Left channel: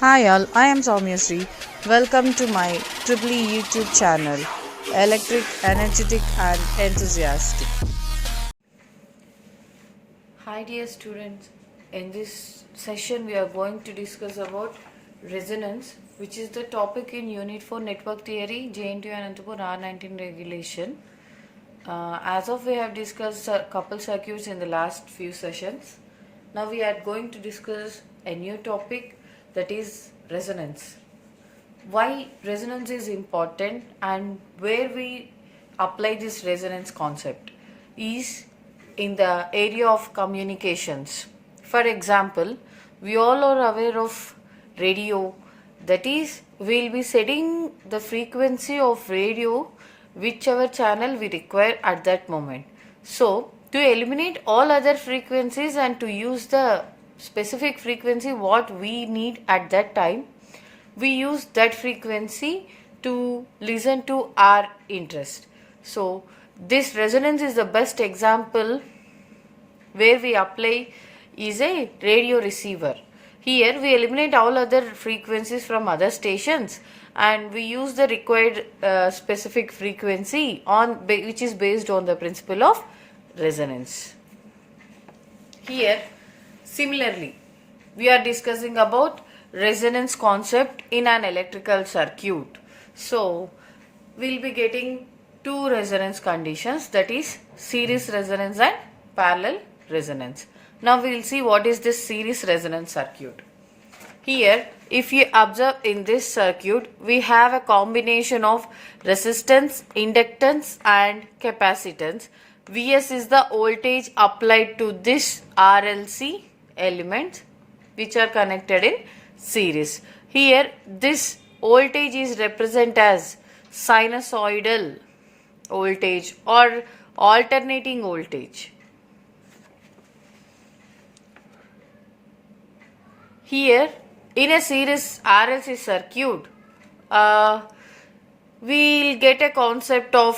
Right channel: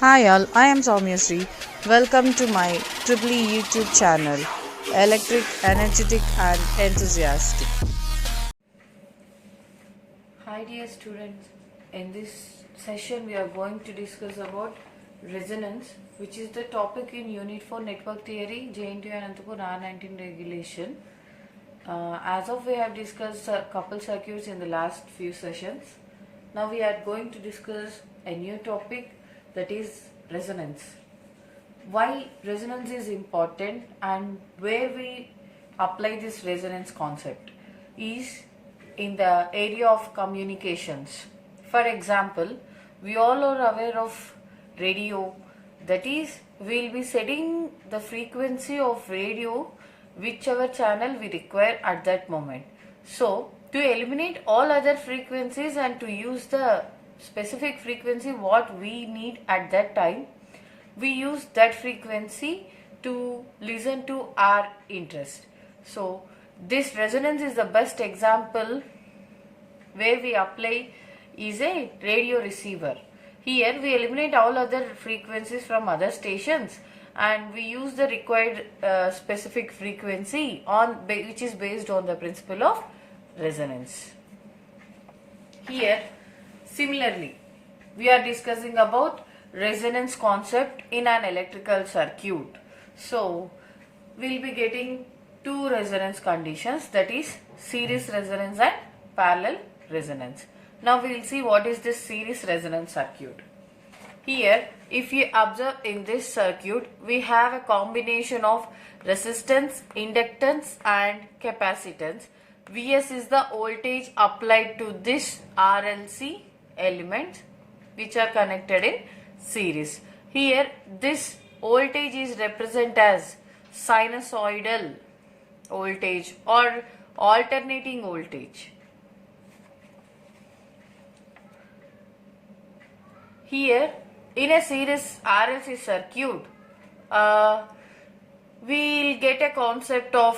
Hi all, I am Soumya Sri. Welcome to my Triple E YouTube channel, Electric, Energetic and Enthusiastic. Hi dear students, in this session we are going to discuss about resonance, which is the topic in Unit 4 Network Theory, JNTU Anantapur R19 regulation. As of we have discussed a couple circuits in the last few sessions. Now we are going to discuss a new topic, that is resonance. Why resonance is important and where we apply this resonance concept is in the area of communications. For example, we all are aware of radio, that is, we will be setting the frequency of radio whichever channel we require at that moment. So, to eliminate all other frequencies and to use the specific frequency what we need at that time, we use that frequency to listen to our interest. So, this resonance is the best example where we apply is a radio receiver. Here we eliminate all other frequencies from other stations and we use the required specific frequency which is based on the principle of resonance. Here similarly we are discussing about resonance concept in an electrical circuit. So we'll be getting two resonance conditions, that is series resonance and parallel resonance. Now we will see what is this series resonance circuit. Here if you observe in this circuit, we have a combination of resistance, inductance and capacitance. Vs is the voltage applied to this RLC elements which are connected in series. Here this voltage is represented as sinusoidal voltage or alternating voltage. Here in a series RLC circuit, we will get a concept of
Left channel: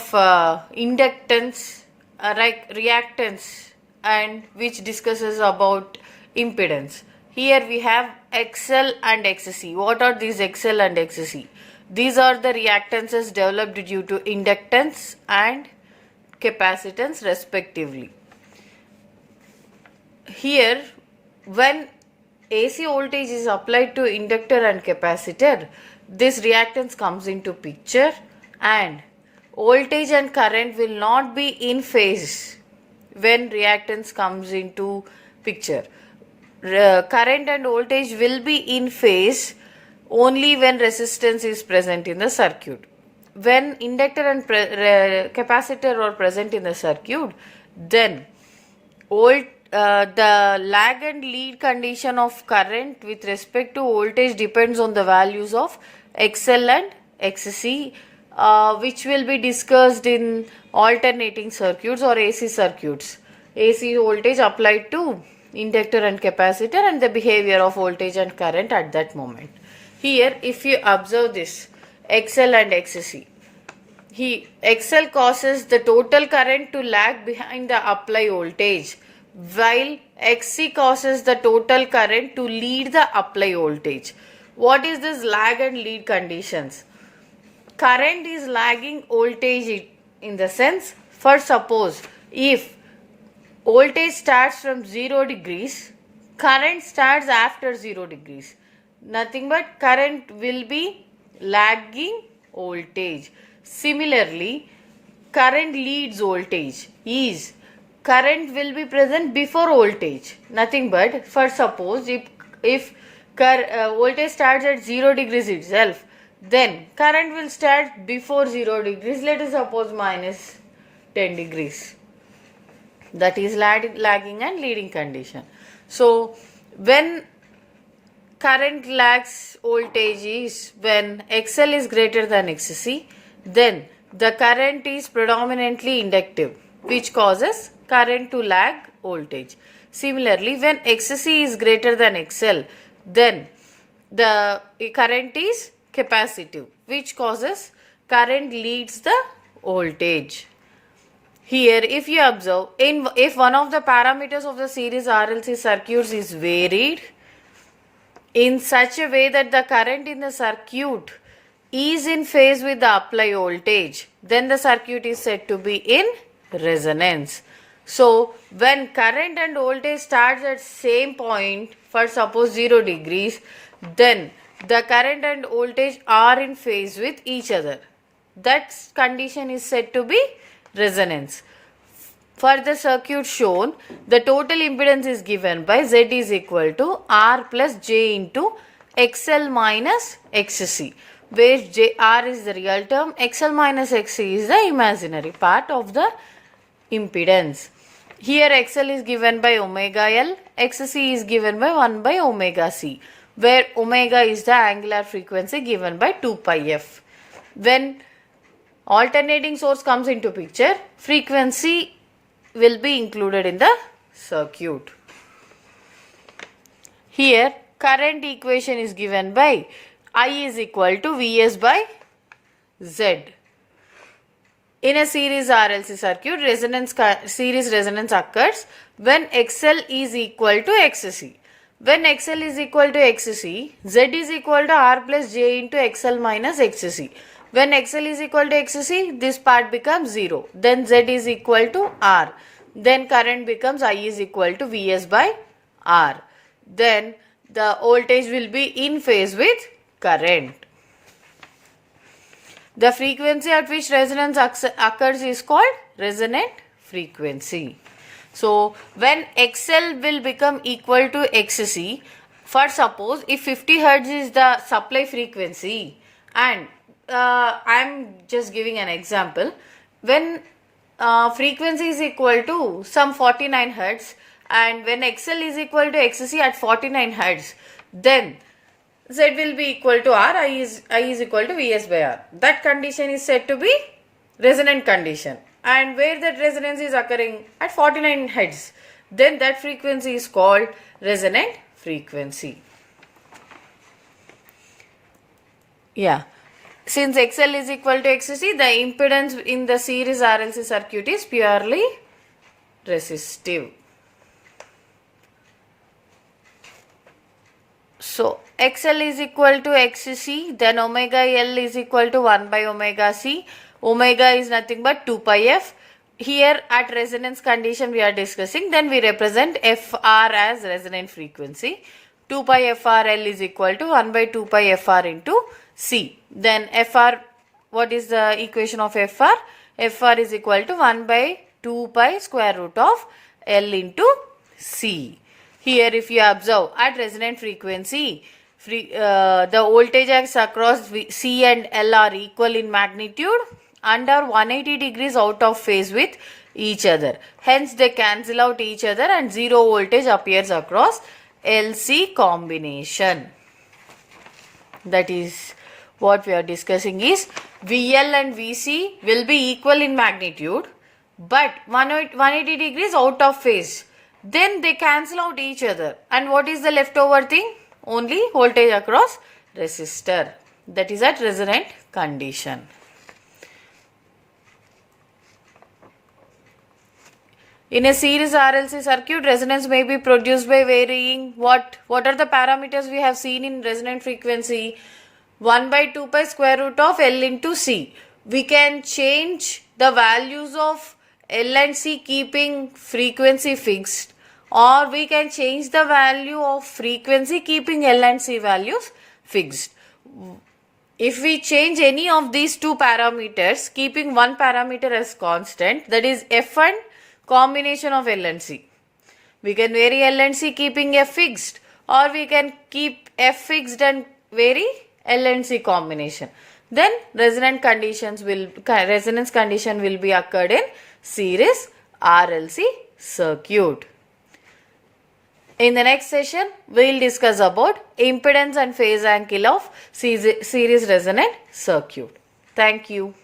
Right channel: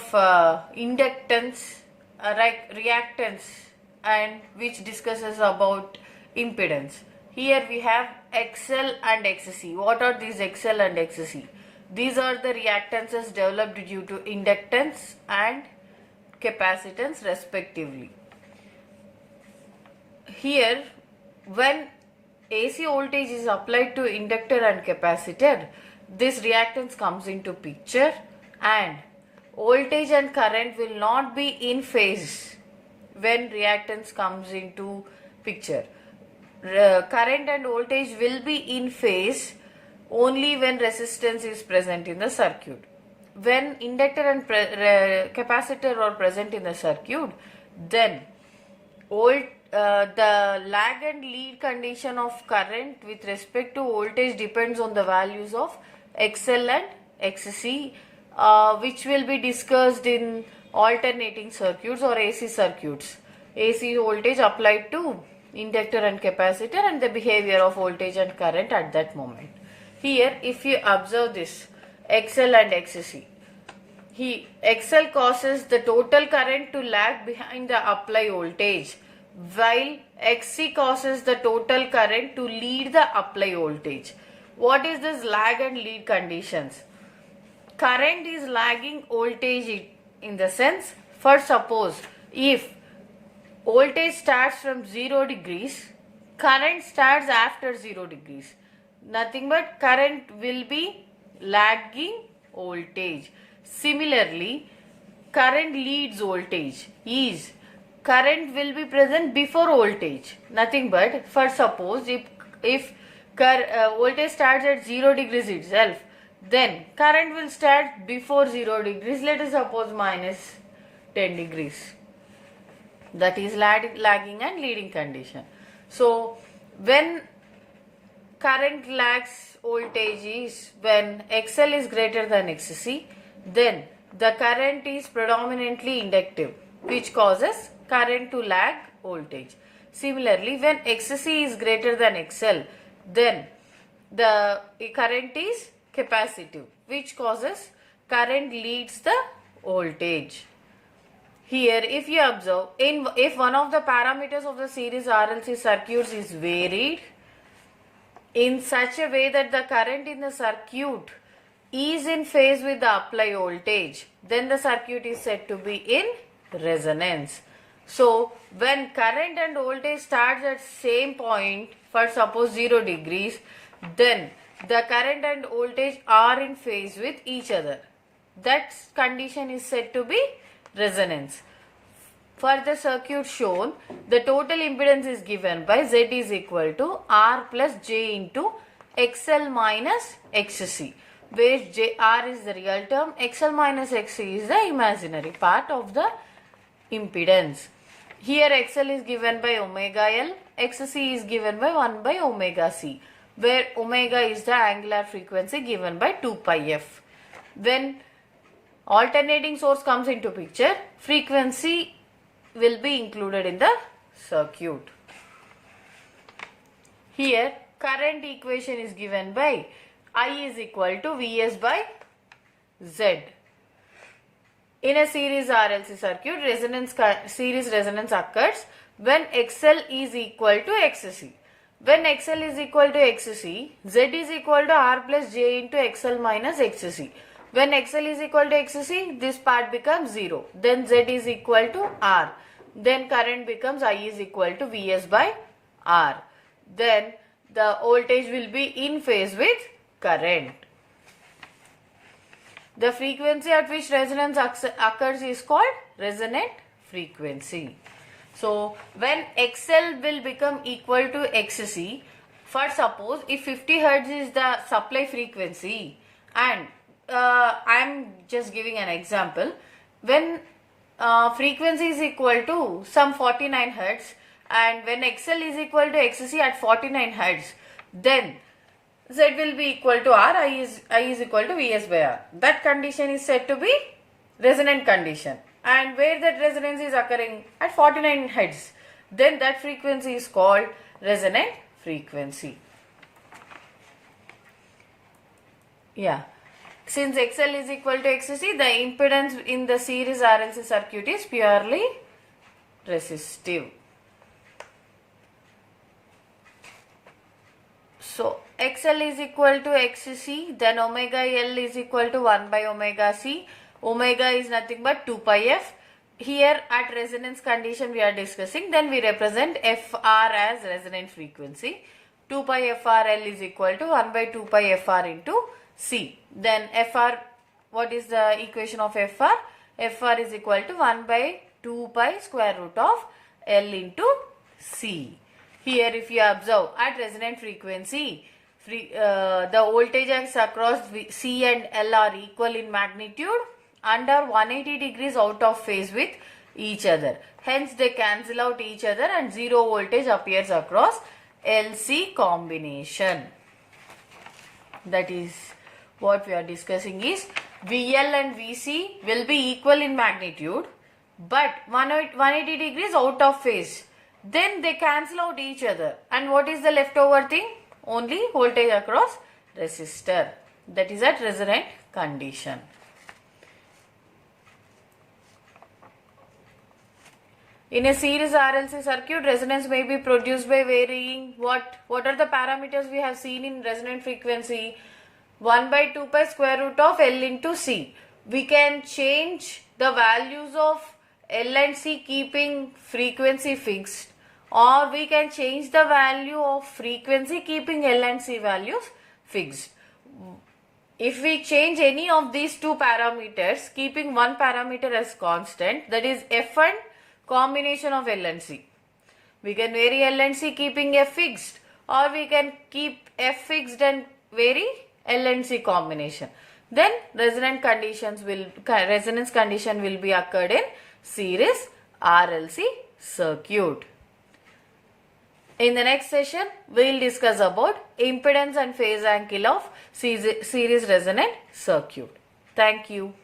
inductance, like reactance, and which discusses about impedance. Here we have XL and XC. What are these XL and XC? These are the reactances developed due to inductance and capacitance respectively. Here when AC voltage is applied to inductor and capacitor, this reactance comes into picture and voltage and current will not be in phase when reactance comes into picture. Current and voltage will be in phase only when resistance is present in the circuit. When inductor and capacitor are present in the circuit, then the lag and lead condition of current with respect to voltage depends on the values of XL and XC, which will be discussed in alternating circuits or AC circuits. AC voltage applied to inductor and capacitor and the behavior of voltage and current at that moment. Here if you observe this XL and XC, XL causes the total current to lag behind the applied voltage, while XC causes the total current to lead the applied voltage. What is this lag and lead conditions? Current is lagging voltage in the sense, for suppose if voltage starts from 0 degrees, current starts after 0 degrees. Nothing but current will be lagging voltage. Similarly, current leads voltage is current will be present before voltage. Nothing but, for suppose if voltage starts at 0 degrees itself, then current will start before 0 degrees, let us suppose minus 10 degrees. That is lagging and leading condition. So when current lags voltage is when XL is greater than XC, then the current is predominantly inductive, which causes current to lag voltage. Similarly, when XC is greater than XL, then the current is capacitive, which causes current leads the voltage. Here if you observe, if one of the parameters of the series RLC circuits is varied, in such a way that the current in the circuit is in phase with the applied voltage, then the circuit is said to be in resonance. So when current and voltage starts at same point for suppose 0 degrees, then the current and voltage are in phase with each other. That condition is said to be resonance. For the circuit shown, the total impedance is given by Z is equal to R plus J into XL minus XC, where R is the real term, XL minus XC is the imaginary part of the impedance. Here XL is given by omega L, XC is given by 1 by omega C, where omega is the angular frequency given by 2 pi f. When alternating source comes into picture, frequency will be included in the circuit. Here current equation is given by I is equal to Vs by Z. In a series RLC circuit, series resonance occurs when XL is equal to XC. When XL is equal to XC, Z is equal to R plus J into XL minus XC. When XL is equal to XC, this part becomes 0. Then Z is equal to R. Then current becomes I is equal to Vs by R. Then the voltage will be in phase with current. The frequency at which resonance occurs is called resonant frequency. So when XL will become equal to XC, for suppose if 50 Hz is the supply frequency, and I am just giving an example, when frequency is equal to some 49 Hz and when XL is equal to XC at 49 Hz, then Z will be equal to R, I is equal to Vs by R. That condition is said to be resonant condition. And where that resonance is occurring at 49 Hz, then that frequency is called resonant frequency. Yeah. Since XL is equal to XC, the impedance in the series RLC circuit is purely resistive. So XL is equal to XC, then omega L is equal to 1 by omega C. Omega is nothing but 2 pi f. Here at resonance condition we are discussing, then we represent FR as resonant frequency. 2 pi FRL is equal to 1 by 2 pi FR into C. Then FR, what is the equation of FR? FR is equal to 1 by 2 pi square root of L into C. Here if you observe, at resonant frequency, the voltages across C and L are equal in magnitude and are 180 degrees out of phase with each other. Hence they cancel out each other and zero voltage appears across LC combination. That is what we are discussing is VL and VC will be equal in magnitude but 180 degrees out of phase. Then they cancel out each other. And what is the leftover thing? Only voltage across resistor. That is at resonant condition. In a series RLC circuit, resonance may be produced by varying what are the parameters we have seen in resonant frequency? 1 by 2 pi square root of L into C. We can change the values of L and C keeping frequency fixed, or we can change the value of frequency keeping L and C values fixed. If we change any of these two parameters, keeping one parameter as constant, that is F and combination of L and C. We can vary L and C keeping F fixed, or we can keep F fixed and vary L and C combination. Then resonance condition will be occurred in series RLC circuit. In the next session, we will discuss about impedance and phase angle of series resonant circuit. Thank you.